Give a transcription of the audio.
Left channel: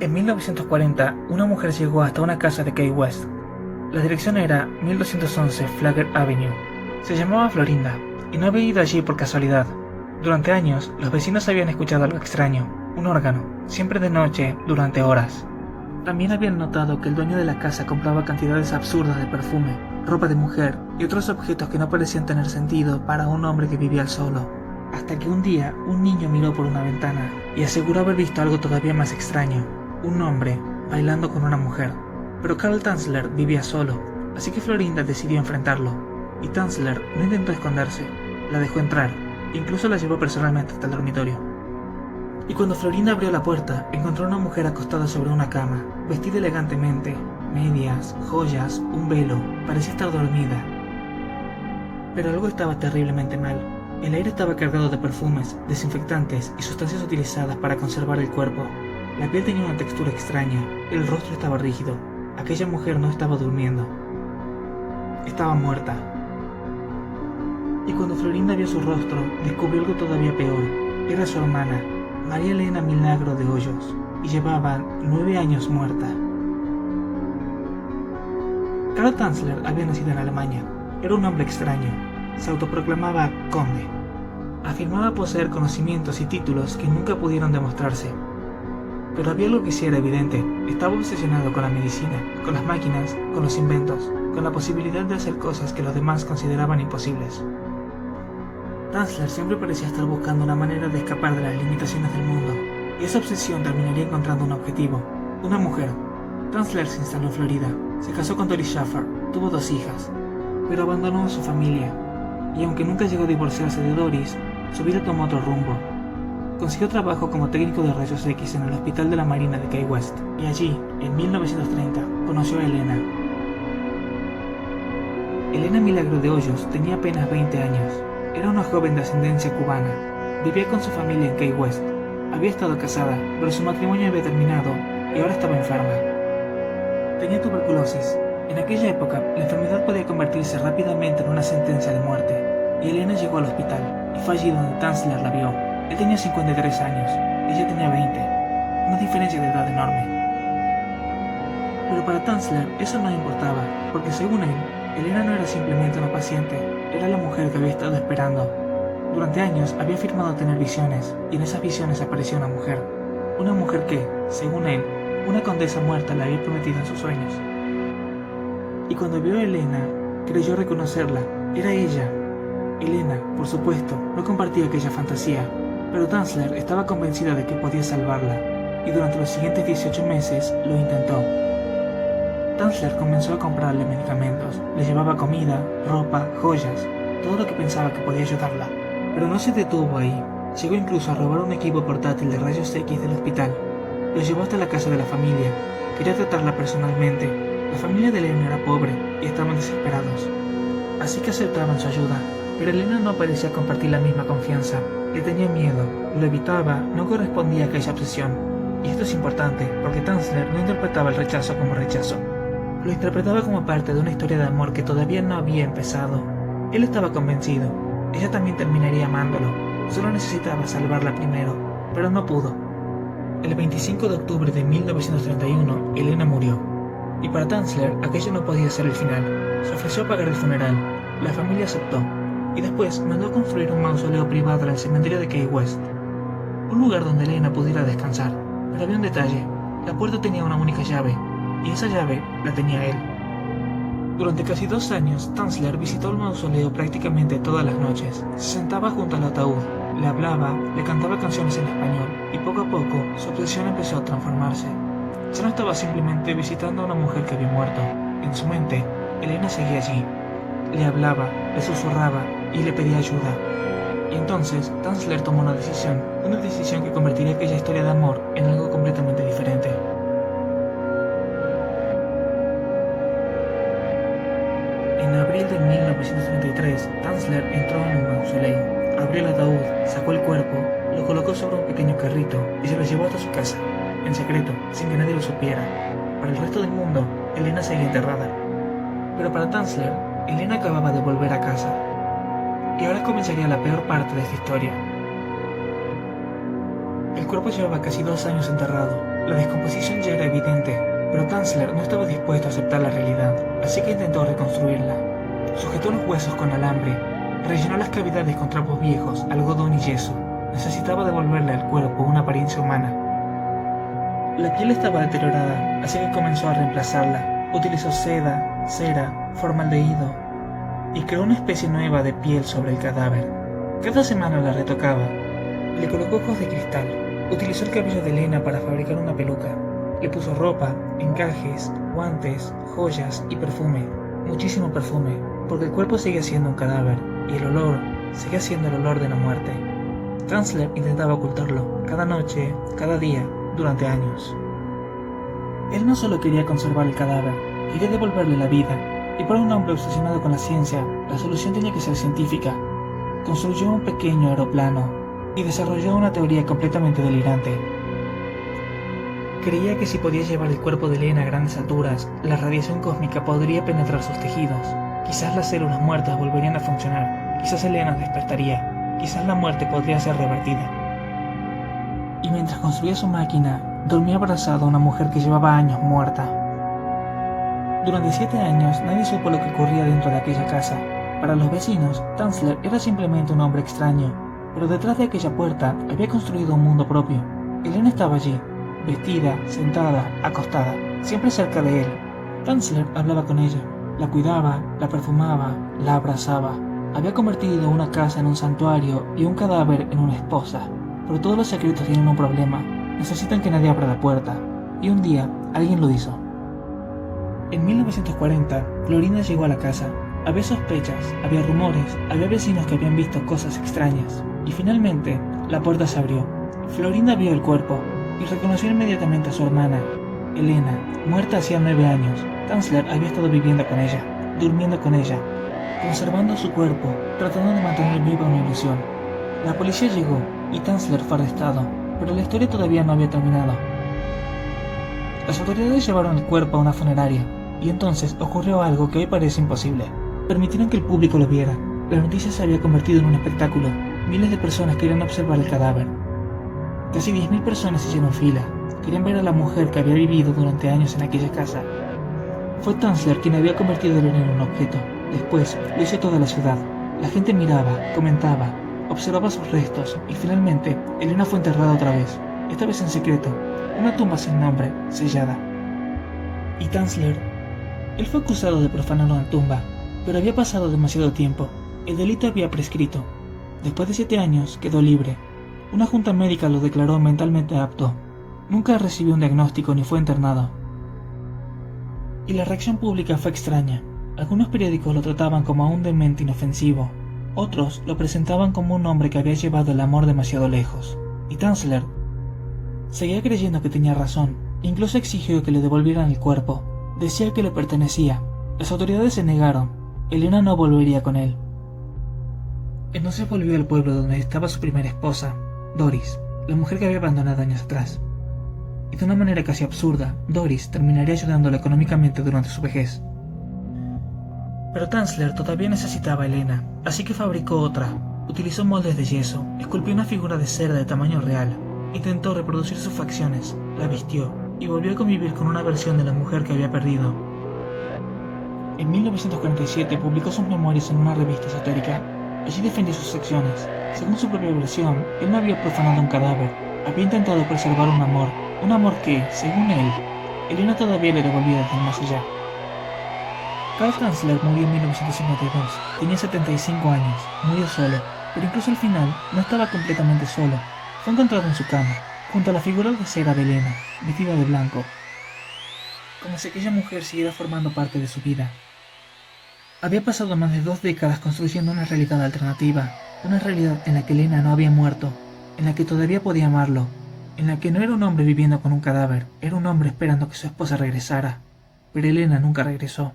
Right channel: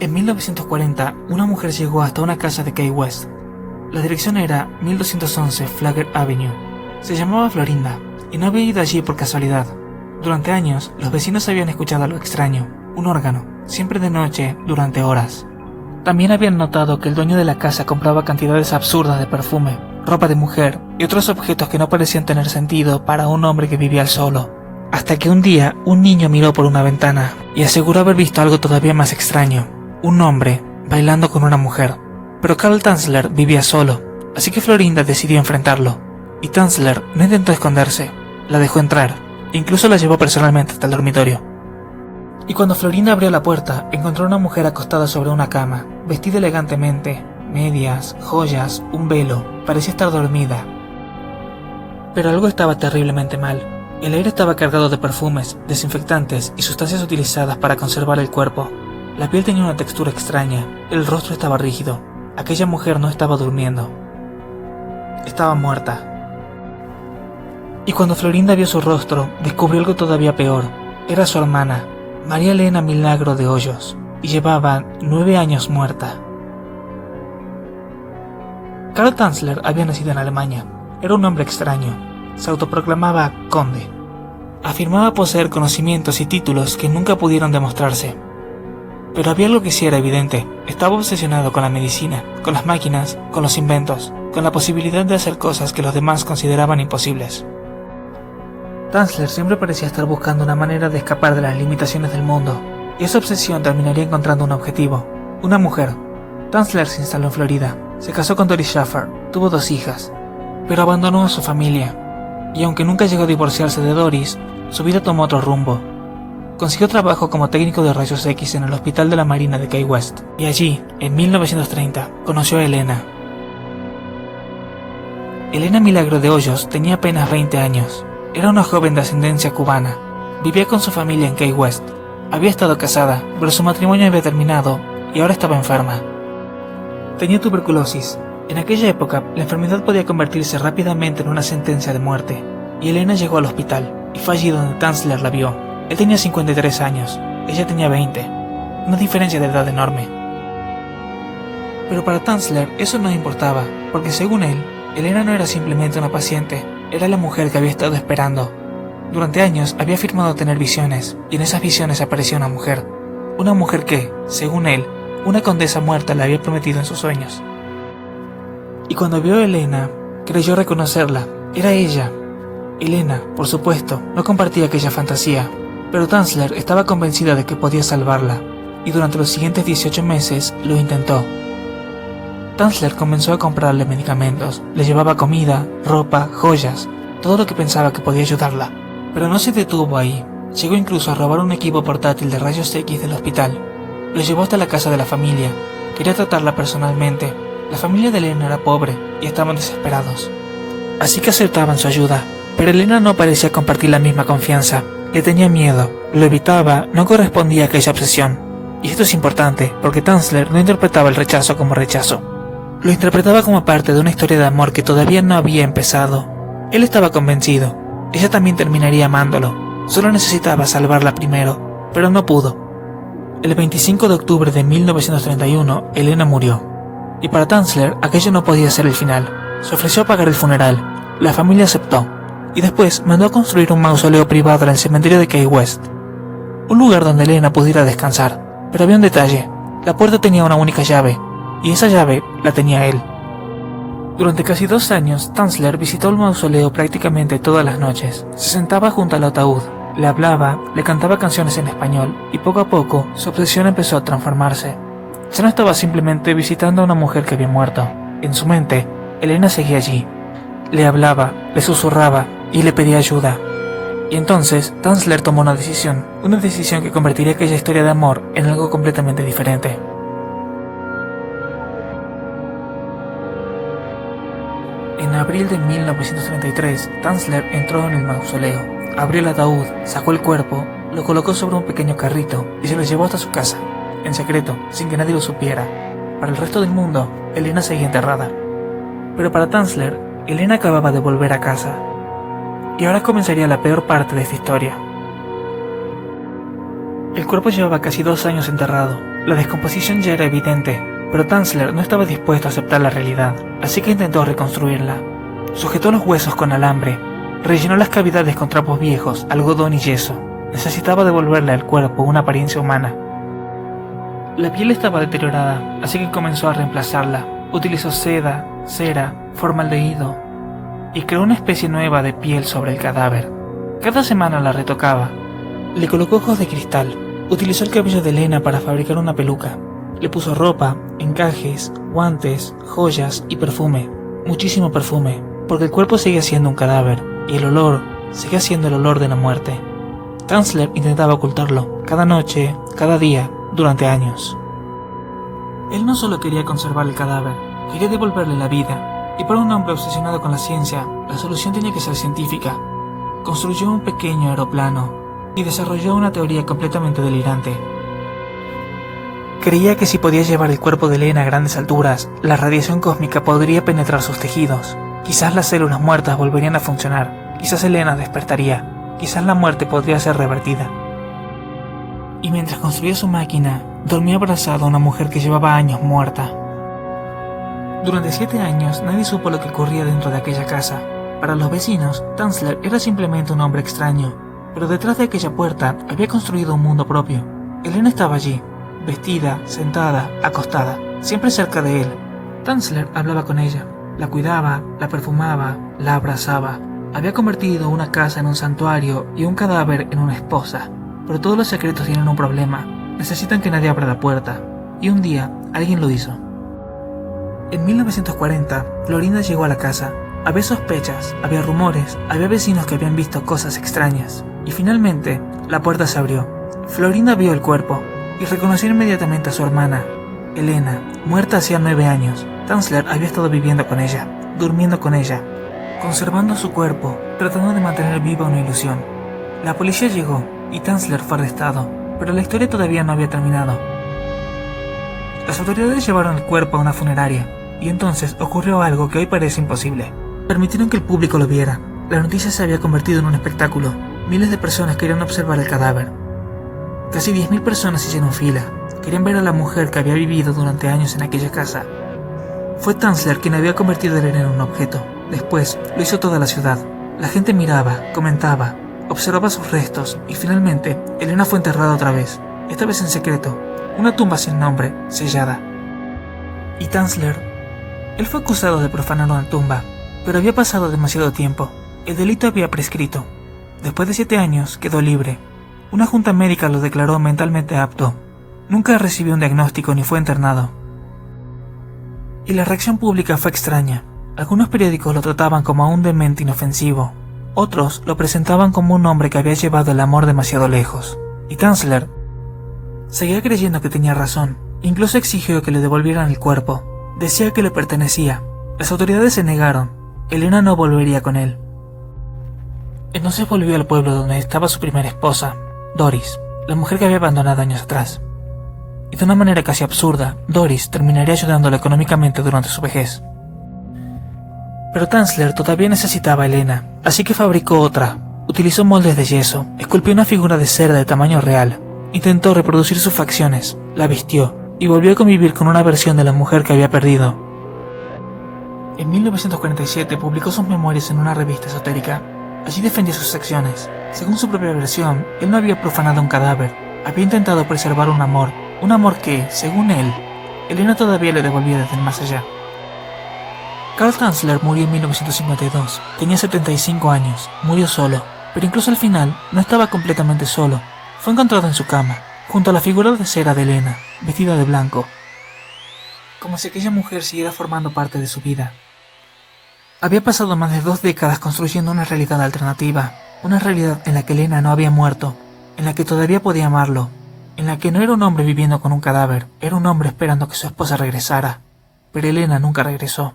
En 1940, una mujer llegó hasta una casa de Key West. La dirección era 1211 Flagler Avenue. Se llamaba Florinda y no había ido allí por casualidad. Durante años, los vecinos habían escuchado algo extraño, un órgano, siempre de noche, durante horas. También habían notado que el dueño de la casa compraba cantidades absurdas de perfume, ropa de mujer y otros objetos que no parecían tener sentido para un hombre que vivía solo. Hasta que un día, un niño miró por una ventana y aseguró haber visto algo todavía más extraño. Un hombre bailando con una mujer. Pero Carl Tanzler vivía solo, así que Florinda decidió enfrentarlo. Y Tanzler no intentó esconderse, la dejó entrar, e incluso la llevó personalmente hasta el dormitorio. Y cuando Florinda abrió la puerta, encontró a una mujer acostada sobre una cama, vestida elegantemente, medias, joyas, un velo, parecía estar dormida. Pero algo estaba terriblemente mal. El aire estaba cargado de perfumes, desinfectantes y sustancias utilizadas para conservar el cuerpo. La piel tenía una textura extraña, el rostro estaba rígido. Aquella mujer no estaba durmiendo. Estaba muerta. Y cuando Florinda vio su rostro, descubrió algo todavía peor. Era su hermana, María Elena Milagro de Hoyos, y llevaba 9 años muerta. Carl Tanzler había nacido en Alemania. Era un hombre extraño. Se autoproclamaba conde. Afirmaba poseer conocimientos y títulos que nunca pudieron demostrarse. Pero había algo que sí era evidente. Estaba obsesionado con la medicina, con las máquinas, con los inventos, con la posibilidad de hacer cosas que los demás consideraban imposibles. Tanzler siempre parecía estar buscando una manera de escapar de las limitaciones del mundo, y esa obsesión terminaría encontrando un objetivo, una mujer. Tanzler se instaló en Florida, se casó con Doris Schaffer, tuvo 2 hijas, pero abandonó a su familia, y aunque nunca llegó a divorciarse de Doris, su vida tomó otro rumbo. Consiguió trabajo como técnico de rayos X en el Hospital de la Marina de Key West, y allí, en 1930, conoció a Elena. Elena Milagro de Hoyos tenía apenas 20 años. Era una joven de ascendencia cubana. Vivía con su familia en Key West. Había estado casada, pero su matrimonio había terminado y ahora estaba enferma. Tenía tuberculosis. En aquella época, la enfermedad podía convertirse rápidamente en una sentencia de muerte, y Elena llegó al hospital, y fue allí donde Tanzler la vio. Él tenía 53 años, ella tenía 20, una diferencia de edad enorme. Pero para Tanzler eso no importaba, porque según él, Elena no era simplemente una paciente, era la mujer que había estado esperando. Durante años había afirmado tener visiones, y en esas visiones aparecía una mujer que, según él, una condesa muerta le había prometido en sus sueños. Y cuando vio a Elena, creyó reconocerla, era ella. Elena, por supuesto, no compartía aquella fantasía, pero Tanzler estaba convencida de que podía salvarla, y durante los siguientes 18 meses lo intentó. Tanzler comenzó a comprarle medicamentos, le llevaba comida, ropa, joyas, todo lo que pensaba que podía ayudarla. Pero no se detuvo ahí, llegó incluso a robar un equipo portátil de rayos X del hospital. Lo llevó hasta la casa de la familia, quería tratarla personalmente. La familia de Elena era pobre y estaban desesperados, así que aceptaban su ayuda. Pero Elena no parecía compartir la misma confianza. Le tenía miedo, lo evitaba, no correspondía a aquella obsesión. Y esto es importante, porque Tanzler no interpretaba el rechazo como rechazo. Lo interpretaba como parte de una historia de amor que todavía no había empezado. Él estaba convencido, ella también terminaría amándolo. Solo necesitaba salvarla primero, pero no pudo. El 25 de octubre de 1931, Elena murió. Y para Tanzler, aquello no podía ser el final. Se ofreció a pagar el funeral. La familia aceptó. Y después mandó a construir un mausoleo privado en el cementerio de Key West, un lugar donde Elena pudiera descansar. Pero había un detalle, la puerta tenía una única llave, y esa llave la tenía él. Durante casi 2 años, Tanzler visitó el mausoleo prácticamente todas las noches. Se sentaba junto al ataúd, le hablaba, le cantaba canciones en español, y poco a poco su obsesión empezó a transformarse. Ya no estaba simplemente visitando a una mujer que había muerto. En su mente, Elena seguía allí. Le hablaba, le susurraba y le pedía ayuda. Y entonces Tanzler tomó una decisión que convertiría aquella historia de amor en algo completamente diferente. En abril de 1933, Tanzler entró en el mausoleo, abrió el ataúd, sacó el cuerpo, lo colocó sobre un pequeño carrito y se lo llevó hasta su casa, en secreto, sin que nadie lo supiera. Para el resto del mundo, Elena seguía enterrada. Pero para Tanzler, Elena acababa de volver a casa. Y ahora comenzaría la peor parte de esta historia. El cuerpo llevaba casi 2 años enterrado, La descomposición ya era evidente, pero Tanzler no estaba dispuesto a aceptar la realidad, así que intentó reconstruirla. Sujetó los huesos con alambre, rellenó las cavidades con trapos viejos, algodón y yeso. Necesitaba devolverle al cuerpo una apariencia humana. La piel estaba deteriorada, así que comenzó a reemplazarla. Utilizó seda, cera, formaldehído y creó una especie nueva de piel sobre el cadáver. Cada semana la retocaba. Le colocó ojos de cristal. Utilizó el cabello de Elena para fabricar una peluca. Le puso ropa, encajes, guantes, joyas y perfume. Muchísimo perfume, porque el cuerpo seguía siendo un cadáver y el olor seguía siendo el olor de la muerte. Tanzler intentaba ocultarlo, cada noche, cada día, durante años. Él no solo quería conservar el cadáver, quería devolverle la vida, y para un hombre obsesionado con la ciencia, la solución tenía que ser científica. Construyó un pequeño aeroplano y desarrolló una teoría completamente delirante. Creía que si podía llevar el cuerpo de Elena a grandes alturas, la radiación cósmica podría penetrar sus tejidos. Quizás las células muertas volverían a funcionar, quizás Elena despertaría, quizás la muerte podría ser revertida. Y mientras construía su máquina, dormía abrazado a una mujer que llevaba años muerta. Durante 7 años nadie supo lo que ocurría dentro de aquella casa. Para los vecinos, Tanzler era simplemente un hombre extraño, pero detrás de aquella puerta había construido un mundo propio. Elena estaba allí, vestida, sentada, acostada, siempre cerca de él. Tanzler hablaba con ella, la cuidaba, la perfumaba, la abrazaba. Había convertido una casa en un santuario y un cadáver en una esposa. Pero todos los secretos tienen un problema. Necesitan que nadie abra la puerta. Y un día, alguien lo hizo. En 1940, Florinda llegó a la casa. Había sospechas, había rumores, había vecinos que habían visto cosas extrañas. Y finalmente, la puerta se abrió. Florinda vio el cuerpo y reconoció inmediatamente a su hermana, Elena, muerta hacía 9 años. Tanzler había estado viviendo con ella, durmiendo con ella, conservando su cuerpo, tratando de mantener viva una ilusión. La policía llegó y Tanzler fue arrestado, pero la historia todavía no había terminado. Las autoridades llevaron el cuerpo a una funeraria, y entonces ocurrió algo que hoy parece imposible. Permitieron que el público lo viera. La noticia se había convertido en un espectáculo. Miles de personas querían observar el cadáver. Casi 10.000 personas hicieron fila. Querían ver a la mujer que había vivido durante años en aquella casa. Fue Tanzler quien había convertido a Elena en un objeto. Después lo hizo toda la ciudad. La gente miraba, comentaba, observaba sus restos y finalmente Elena fue enterrada otra vez, esta vez en secreto, una tumba sin nombre, sellada. Y Tanzler, él fue acusado de profanar una tumba, pero había pasado demasiado tiempo, el delito había prescrito. Después de 7 años quedó libre. Una junta médica lo declaró mentalmente apto. Nunca recibió un diagnóstico ni fue internado. Y la reacción pública fue extraña. Algunos periódicos lo trataban como a un demente inofensivo. Otros lo presentaban como un hombre que había llevado el amor demasiado lejos. Y Tanzler seguía creyendo que tenía razón. Incluso exigió que le devolvieran el cuerpo. Decía que le pertenecía. Las autoridades se negaron. Elena no volvería con él. Entonces volvió al pueblo donde estaba su primera esposa, Doris, la mujer que había abandonado años atrás. Y de una manera casi absurda, Doris terminaría ayudándole económicamente durante su vejez. Pero Tanzler todavía necesitaba a Elena, así que fabricó otra. Utilizó moldes de yeso, esculpió una figura de cera de tamaño real, intentó reproducir sus facciones, la vistió y volvió a convivir con una versión de la mujer que había perdido. En 1947 publicó sus memorias en una revista esotérica. Allí defendió sus acciones. Según su propia versión, él no había profanado un cadáver, había intentado preservar un amor que, según él, Elena todavía le devolvía desde el más allá. Karl Tanzler murió en 1952, tenía 75 años, murió solo, pero incluso al final no estaba completamente solo. Fue encontrado en su cama, junto a la figura de cera de Elena, vestida de blanco, como si aquella mujer siguiera formando parte de su vida. Había pasado más de 2 décadas construyendo una realidad alternativa, una realidad en la que Elena no había muerto, en la que todavía podía amarlo, en la que no era un hombre viviendo con un cadáver, era un hombre esperando que su esposa regresara, pero Elena nunca regresó.